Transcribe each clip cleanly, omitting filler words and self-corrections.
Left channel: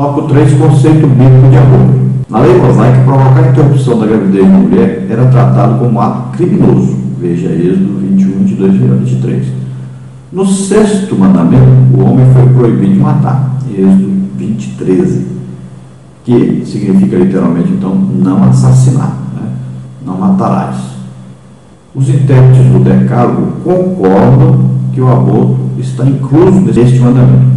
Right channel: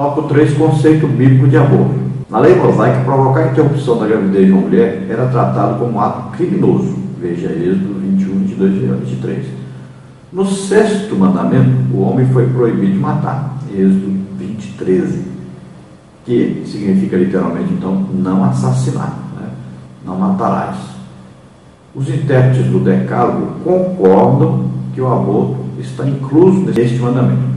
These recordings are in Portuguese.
Tópico 3, conceito bíblico de aborto. Na lei mosaica, provocar a interrupção da gravidez de uma mulher era tratado como um ato criminoso. Veja Êxodo 21, 22 e 23. No sexto mandamento, o homem foi proibido de matar. Êxodo 20, 13. Que significa literalmente, então, não assassinar, né? Não matarás. Os intérpretes do Decálogo concordam que o aborto está incluso neste mandamento.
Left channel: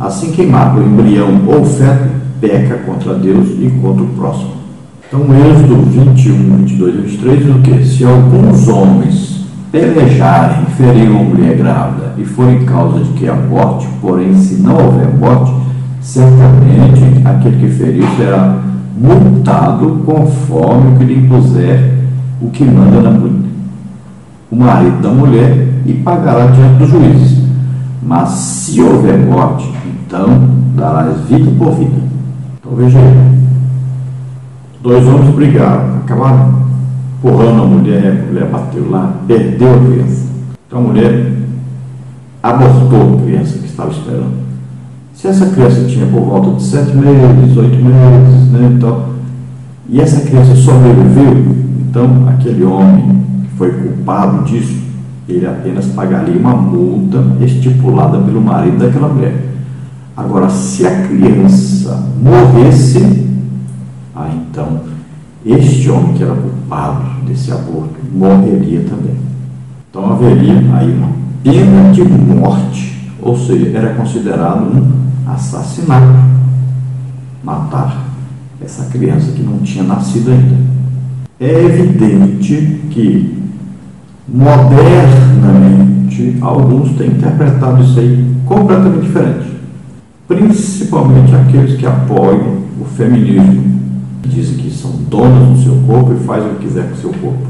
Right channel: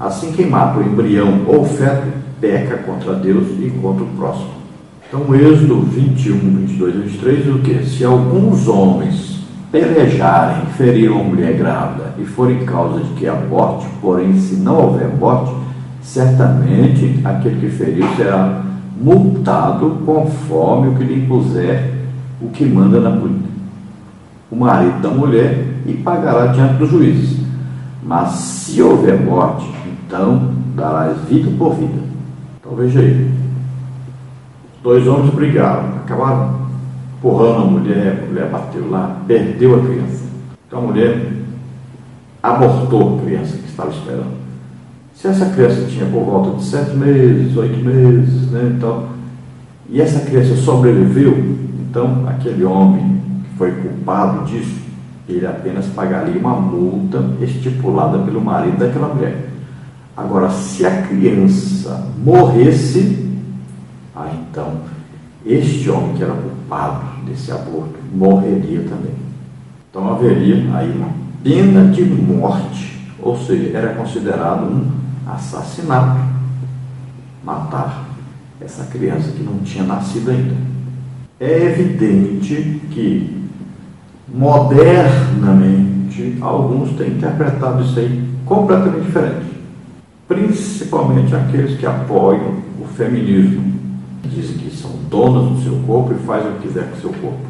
Assim, quem mata o embrião ou o feto peca contra Deus e contra o próximo. Então, Êxodo 21, 22 e 23 diz o quê? Se alguns homens pelejarem e ferirem uma mulher grávida e forem causa de que aborte, porém, se não houver morte, certamente aquele que feriu será multado conforme o que lhe impuser o que manda o marido da mulher e pagará diante dos juízes. Mas se houver morte, então darás vida por vida. Então veja aí, 2 homens brigaram, acabaram empurrando a mulher bateu lá, perdeu a criança. Então a mulher abortou a criança que estava esperando. Se essa criança tinha por volta de 7 meses, 8 meses, né, então, e essa criança sobreviveu, então aquele homem que foi culpado disso, ele apenas pagaria uma multa estipulada pelo marido daquela mulher. Agora, se a criança morresse, então este homem que era culpado desse aborto morreria também. Então haveria aí uma pena de morte, ou seja, era considerado um assassinato matar essa criança que não tinha nascido ainda. É evidente que modernamente alguns têm interpretado isso aí completamente diferente, principalmente aqueles que apoiam o feminismo, que dizem que são donas do seu corpo e fazem o que quiser com o seu corpo.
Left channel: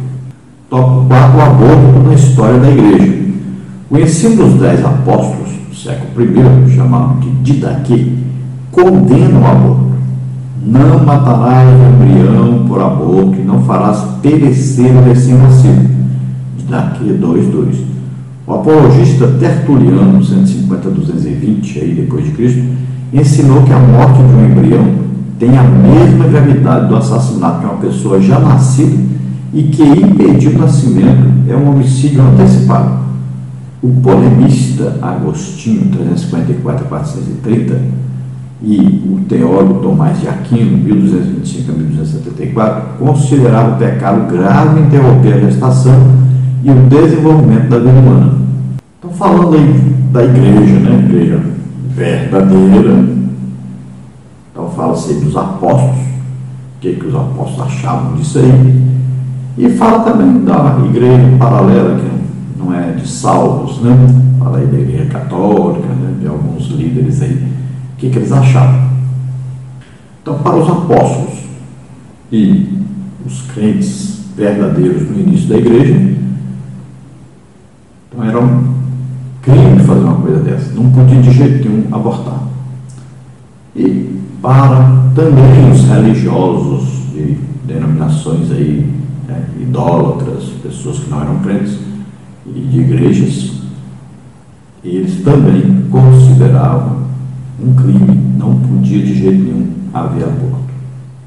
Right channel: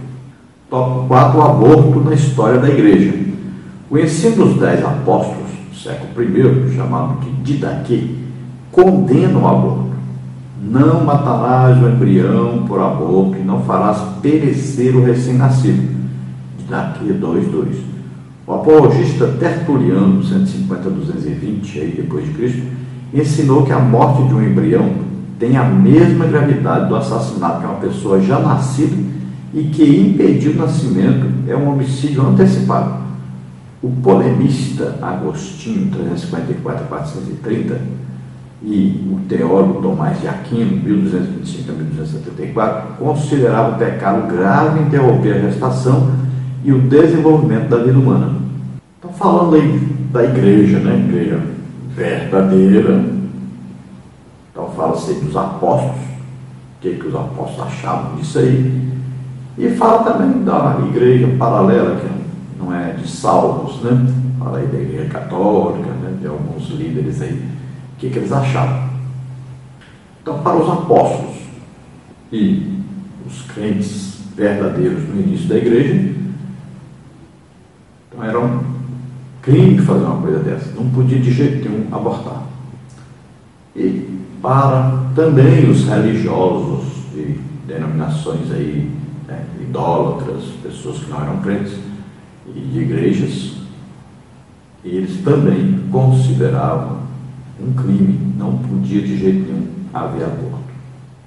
Tópico 4, o aborto na história da igreja. O ensino dos 10 apóstolos do século I, chamado de Didaquê, condena o aborto. Não matarás o embrião por aborto e não farás perecer o recém-nascido. Didaquê 2:2. O apologista Tertuliano, 150-220 aí depois de Cristo, ensinou que a morte de um embrião tem a mesma gravidade do assassinato de uma pessoa já nascida e que impedir o nascimento é um homicídio antecipado. O polemista Agostinho, 354-430, e o teólogo Tomás de Aquino, 1225 a 1274, consideravam o pecado grave interromper a gestação e o desenvolvimento da vida humana. Estão falando aí da igreja, né? Igreja verdadeira. Então fala-se dos apóstolos, o que os apóstolos achavam disso aí. E fala também da igreja paralela, que não é de salvos, né? Fala aí da igreja católica, né? De alguns líderes aí, o que eles achavam. Então, para os apóstolos e os crentes verdadeiros no início da igreja, então era um crime fazer uma coisa dessa, não podia de jeito nenhum abortar. E para também os religiosos de denominações aí, né, idólatras, pessoas que não eram crentes e de igrejas, eles também consideravam um crime, não podia de jeito nenhum haver aborto.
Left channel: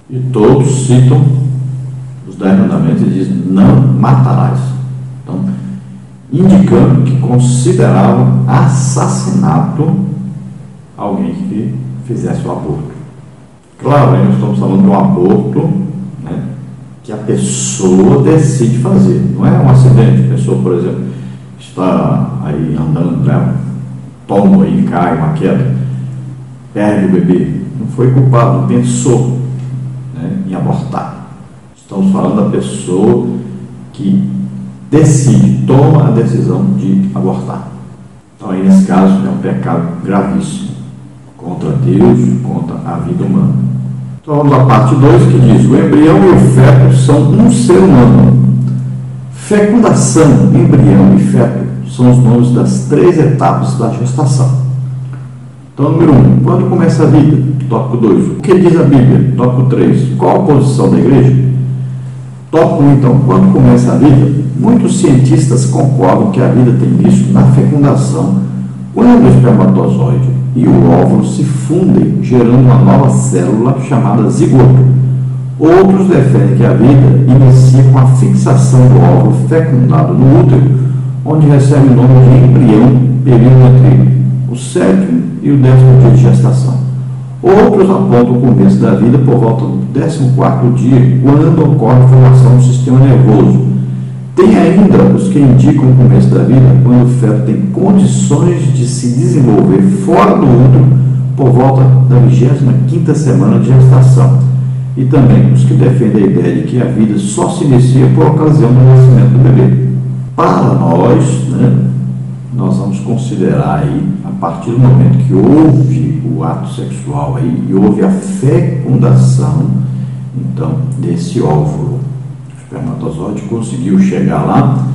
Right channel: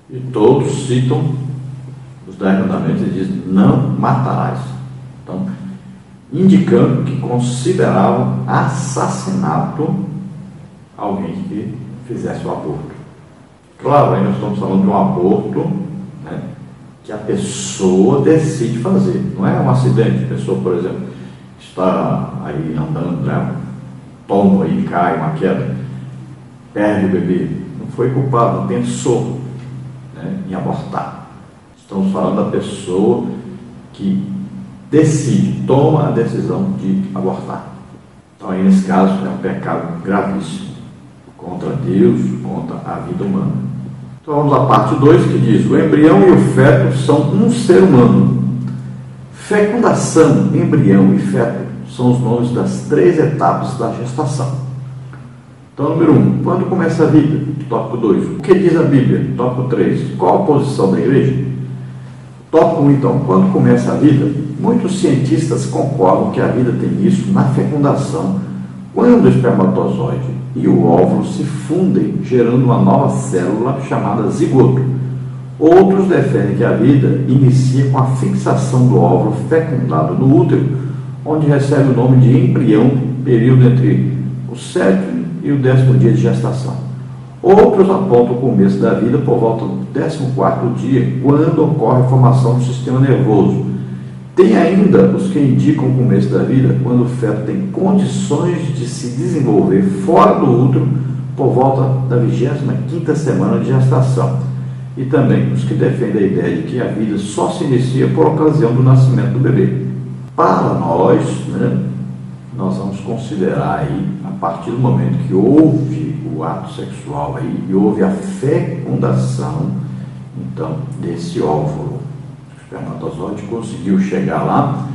E todos citam os 10 mandamentos e dizem: não matarás. Então, indicando que consideravam assassinato alguém que fizesse o aborto. Claro, aí nós estamos falando de um aborto, né, que a pessoa decide fazer, não é um acidente. A pessoa, por exemplo, está aí andando, né, toma e cai, uma queda, perde o bebê, não foi culpado, não pensou, né, em abortar. Estamos falando da pessoa que decide, toma a decisão de abortar. Então aí nesse caso é um pecado gravíssimo contra Deus, contra a vida humana. Então vamos à parte 2, que diz: o embrião e o feto são um ser humano. Fecundação, embrião e feto são os nomes das 3 etapas da gestação. Então, número 1, quando começa a vida? Tópico 2, o que diz a Bíblia? Tópico 3, qual a posição da igreja? Tópico 1, então, quando começa a vida? Muitos cientistas concordam que a vida tem início na fecundação, quando o espermatozoide e o óvulo se fundem, gerando uma nova célula chamada zigoto. Outros defendem que a vida inicia com a fixação do óvulo fecundado no útero, onde recebe o nome de embrião, período entre o 7º e o 10º dia de gestação. Outros apontam o começo da vida por volta do 14º dia, quando ocorre a formação do sistema nervoso. Tem ainda os que indicam o começo da vida quando o feto tem condições de se desenvolver fora do útero por volta da 25ª semana de gestação. E também os que defendem a ideia de que a vida só se inicia por ocasião do nascimento do bebê. Para nós, nós vamos considerar aí, a partir do momento que houve o ato sexual aí, e houve a fecundação, então, desse óvulo. O espermatozoide conseguiu chegar lá,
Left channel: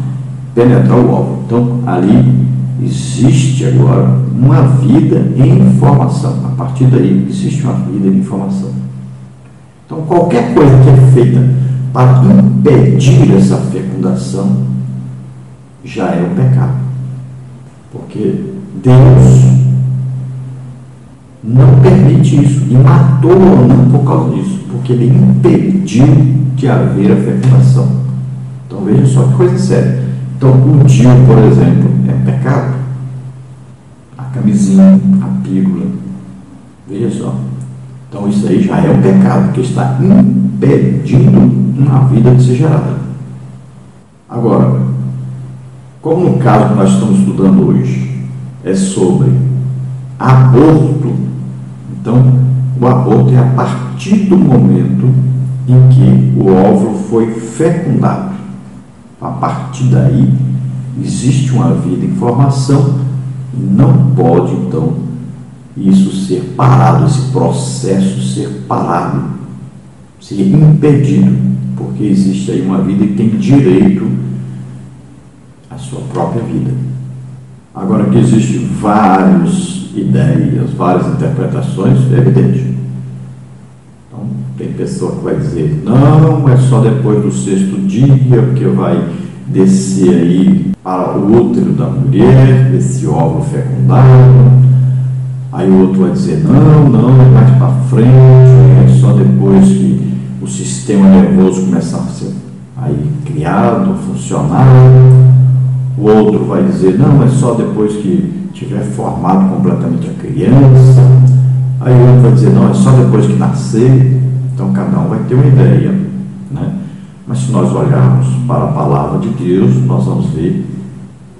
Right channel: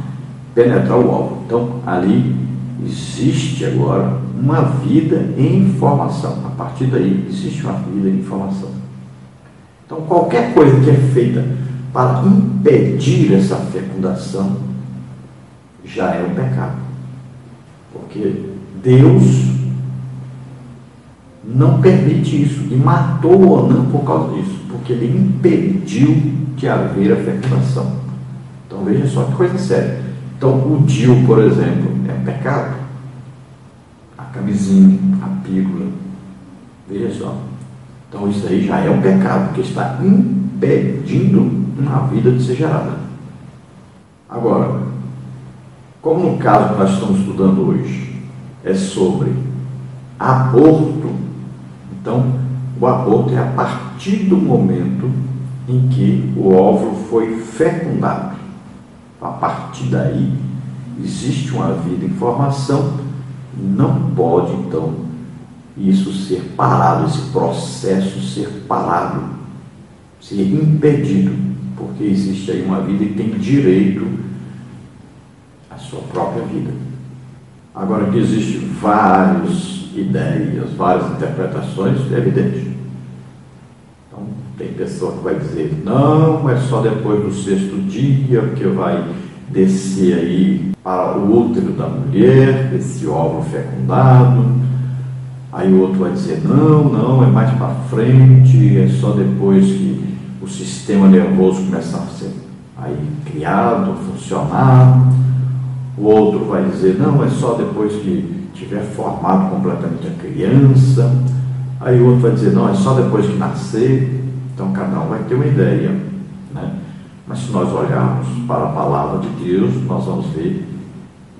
penetrar o óvulo. Então, ali existe agora uma vida em formação. A partir daí, existe uma vida em formação. Então, qualquer coisa que é feita para impedir essa fecundação já é um pecado. Porque Deus não permite isso e matou o Onã por causa disso, porque ele impediu de haver a fecundação. Então veja só que coisa séria. Então o DIU, por exemplo, é um pecado. A camisinha, a pílula, veja só. Então isso aí já é um pecado, porque está impedindo uma vida de ser gerada. Agora, como no caso que nós estamos estudando hoje é sobre aborto, então o aborto é a partir do momento em que o óvulo foi fecundado. A partir daí existe uma vida em formação e não pode então isso ser parado, esse processo ser parado, ser impedido, porque existe aí uma vida que tem direito a sua própria vida. Agora que existem várias ideias, várias interpretações, é evidente. Então, tem pessoa que vai dizer, não, é só depois do 6º dia, porque vai descer aí para o útero da mulher, esse óvulo fecundado. Aí o outro vai dizer, não, é mais para frente, é só depois que o sistema nervoso começar a ser aí criado, funcionar. O outro vai dizer, não, é só depois que tiver formado completamente a criança. Aí o outro vai dizer, não, é só depois que nascer. Então cada um vai ter uma ideia, né? Mas se nós olharmos para a palavra de Deus, nós vamos ver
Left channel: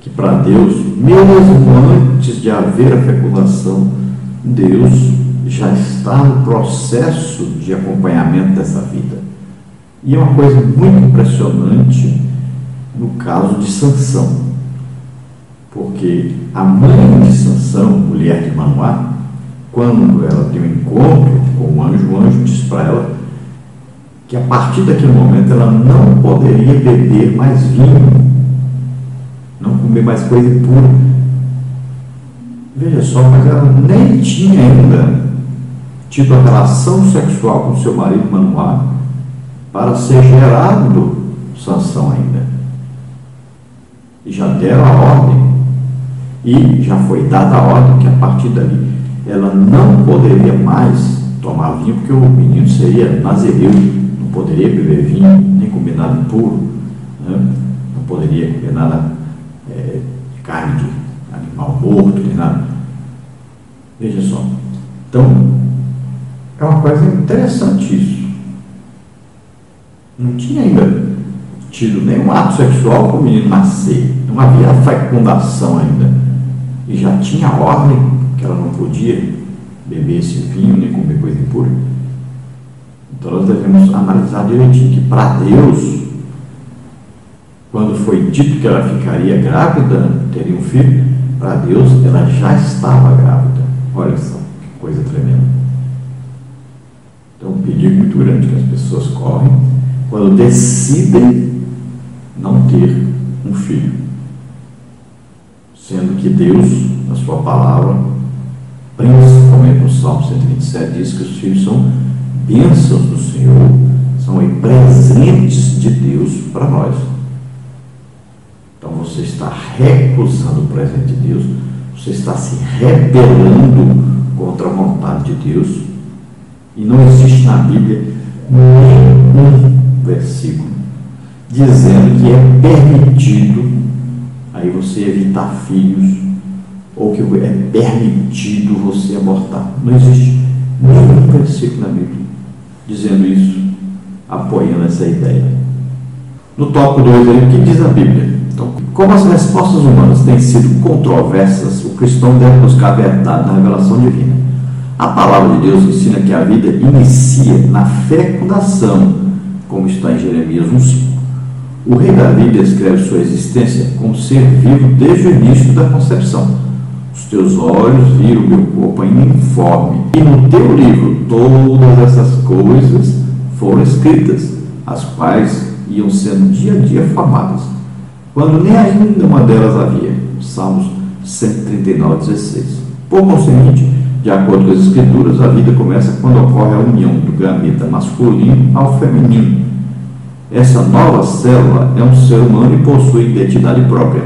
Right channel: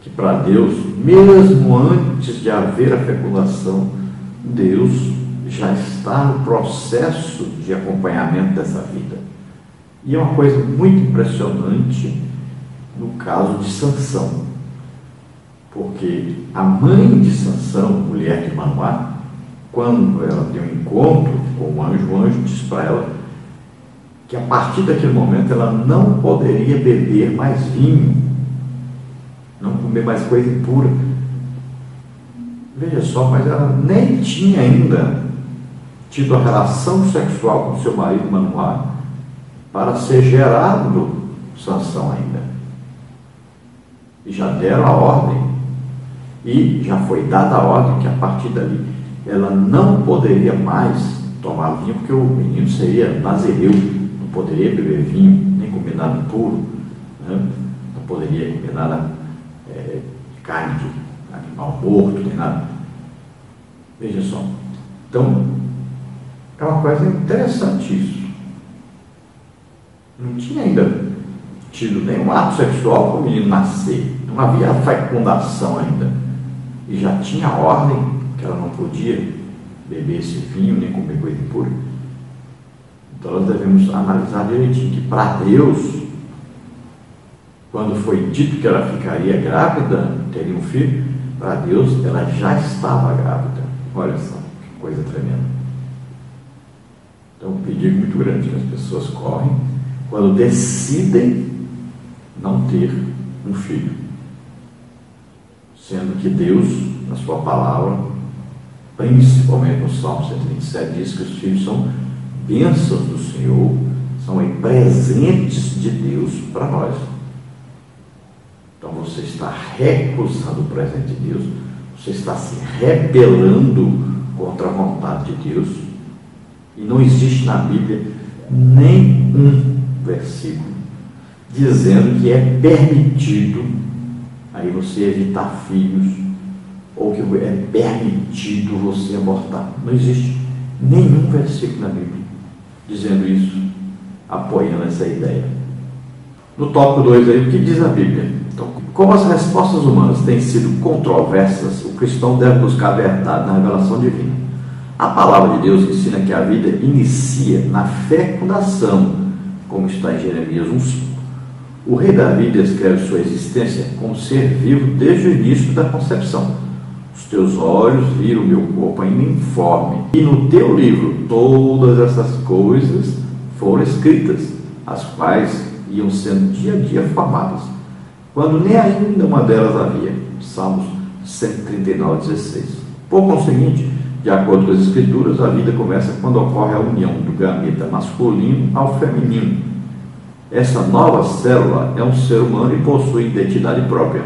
que para Deus, mesmo antes de haver a fecundação, Deus já está no processo de acompanhamento dessa vida. E é uma coisa muito impressionante no caso de Sansão, porque a mãe de Sansão, mulher de Manoá, quando ela tem um encontro com o anjo diz para ela que a partir daquele momento ela não poderia beber mais vinho, não comer mais coisa impura. Veja só, mas ela nem tinha ainda tido a relação sexual com seu marido Manoá para ser gerado Sansão ainda. E já deram a ordem, e já foi dada a ordem que a partir dali ela não poderia mais tomar vinho, porque o menino seria nazireu, não poderia beber vinho, nem comer nada impuro, né? Não poderia comer nada carne de animal morto, nem nada. Veja só. Então, é uma coisa interessante isso. Não tinha ainda tido nenhum ato sexual para o menino nascer. Não havia fecundação ainda. E já tinha a ordem que ela não podia beber esse vinho, nem comer coisa impura. Então nós devemos analisar direitinho que para Deus, quando foi dito que ela ficaria grávida, teria um filho, para Deus ela já estava grávida. Olha só, que coisa tremenda. Então um perigo muito grande que as pessoas correm quando decidem não ter um filho, sendo que Deus, na sua palavra, principalmente no Salmo 127, diz que os filhos são bênçãos do Senhor, são presentes de Deus para nós. Então você está recusando o presente de Deus, você está se rebelando contra a vontade de Deus, e não existe na Bíblia nenhum versículo dizendo que é permitido aí você evitar filhos, ou que é permitido você abortar. Não existe nenhum versículo na Bíblia dizendo isso, apoiando essa ideia. No tópico 2 aí, o que diz a Bíblia? Então, como as respostas humanas têm sido controversas, o cristão deve buscar a verdade na revelação divina. A palavra de Deus ensina que a vida inicia na fecundação, como está em Jeremias 1:5. O rei Davi descreve sua existência como ser vivo desde o início da concepção. Os teus olhos viram o meu corpo ainda informe, e no teu livro todas essas coisas foram escritas, as quais iam sendo dia a dia formadas, quando nem ainda uma delas havia. Salmos 139:16. Por conseguinte, de acordo com as Escrituras, a vida começa quando ocorre a união do gameta masculino ao feminino. Essa nova célula é um ser humano e possui identidade própria.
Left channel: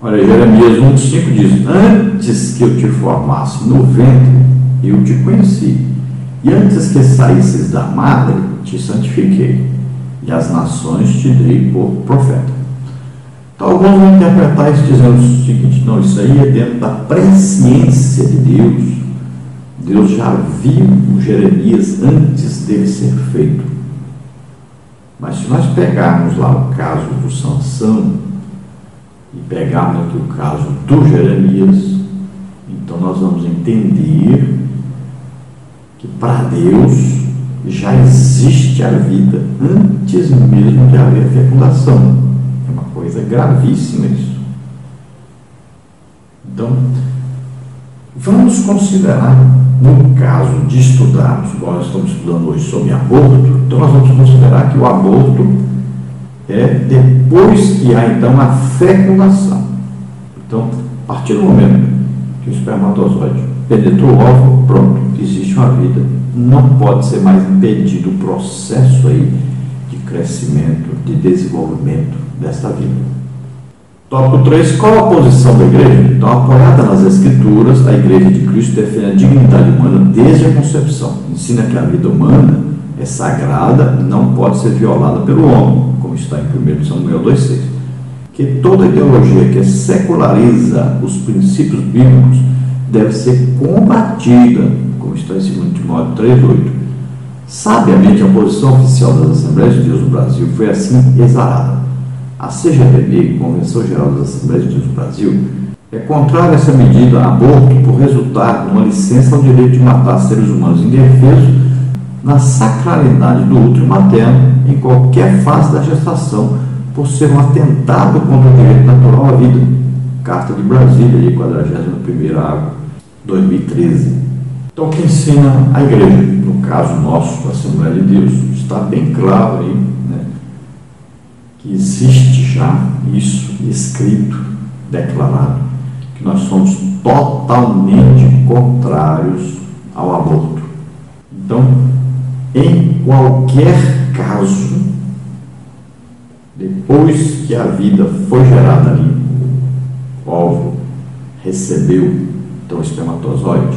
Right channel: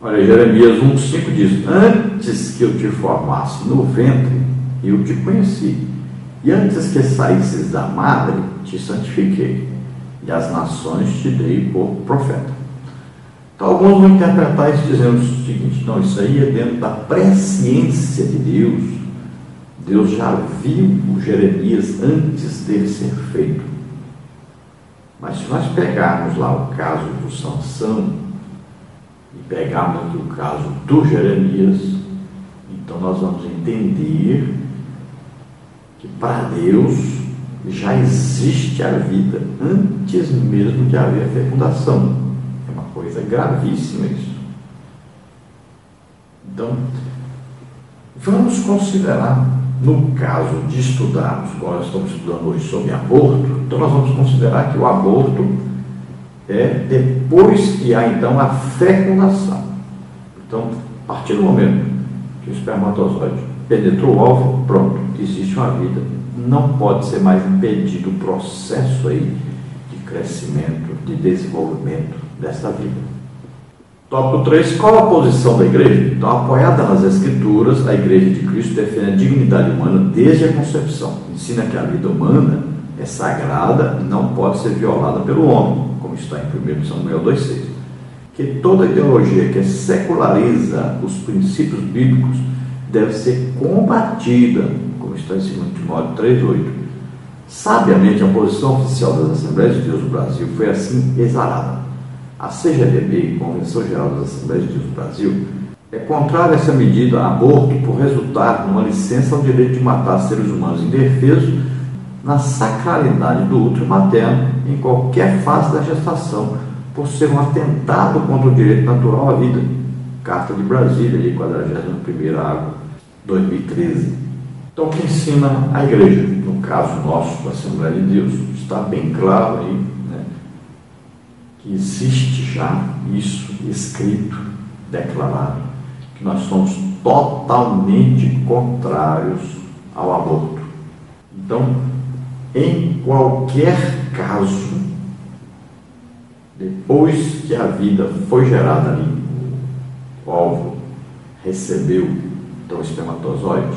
Olha, Jeremias 1:5 diz: antes que eu te formasse no ventre, eu te conheci, e antes que saísses da madre, te santifiquei, e as nações te dei por profeta. Então, alguns vão interpretar isso dizendo o seguinte: não, isso aí é dentro da presciência de Deus. Deus já viu o Jeremias antes dele ser feito. Mas se nós pegarmos lá o caso do Sansão e pegarmos o caso do Jeremias, então nós vamos entender que para Deus já existe a vida antes mesmo de haver fecundação. É uma coisa gravíssima isso. Então, vamos considerar, no caso de estudarmos, como nós estamos estudando hoje sobre aborto, então nós vamos considerar que o aborto é depois que há então a fecundação. Então, a partir do momento que o espermatozoide penetrou o óvulo, pronto, existe uma vida. Não pode ser mais impedido o processo aí de crescimento, de desenvolvimento dessa vida. Tópico 3. Qual a posição da igreja? Então, apoiada nas Escrituras, a Igreja de Cristo defende a dignidade humana desde a concepção. Ensina que a vida humana é sagrada e não pode ser violada pelo homem, como está em 1 Samuel 2:6. Que toda ideologia que seculariza os princípios bíblicos deve ser combatida, como está em 2 Timóteo 3:8. Sabiamente, a posição oficial das Assembleias de Deus no Brasil foi assim exarada. A CGRB, Convenção Geral das Assembleias de Deus do Brasil, é contrária a essa medida, aborto, por resultado de uma licença ao direito de matar seres humanos indefesos na sacralidade do útero materno em qualquer fase da gestação, por ser um atentado contra o direito natural à vida. Carta de Brasília, de 41ª, 2013. Então, o que ensina a igreja, no caso nosso, da Assembleia de Deus, está bem claro aí, né, que existe já isso escrito, declarado, que nós somos totalmente contrários ao aborto. Então, em qualquer caso, depois que a vida foi gerada ali, o óvulo recebeu então o espermatozoide,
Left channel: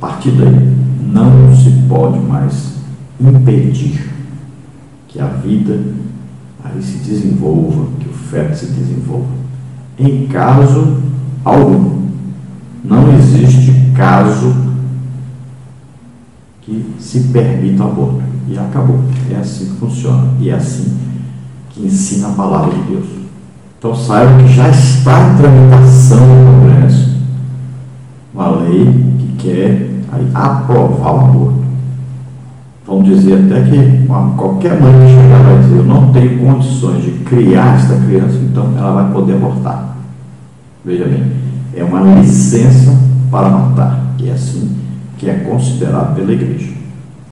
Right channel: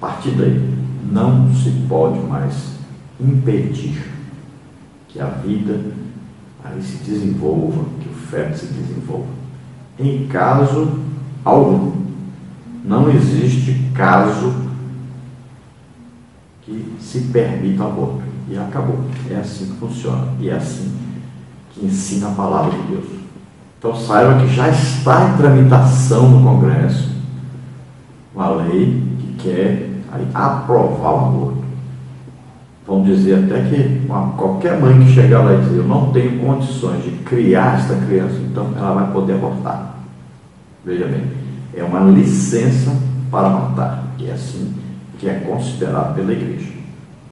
a partir daí não se pode mais impedir que a vida aí se desenvolva, que o feto se desenvolva. Em caso algum, não existe caso que se permita o aborto. E acabou. É assim que funciona. E é assim que ensina a palavra de Deus. Então saiba que já está em tramitação no Congresso uma lei que quer aí aprovar o aborto. Vão dizer até que qualquer mãe que chegar vai dizer: eu não tenho condições de criar esta criança, então ela vai poder abortar. Veja bem, é uma licença para matar, e é assim que é considerado pela igreja.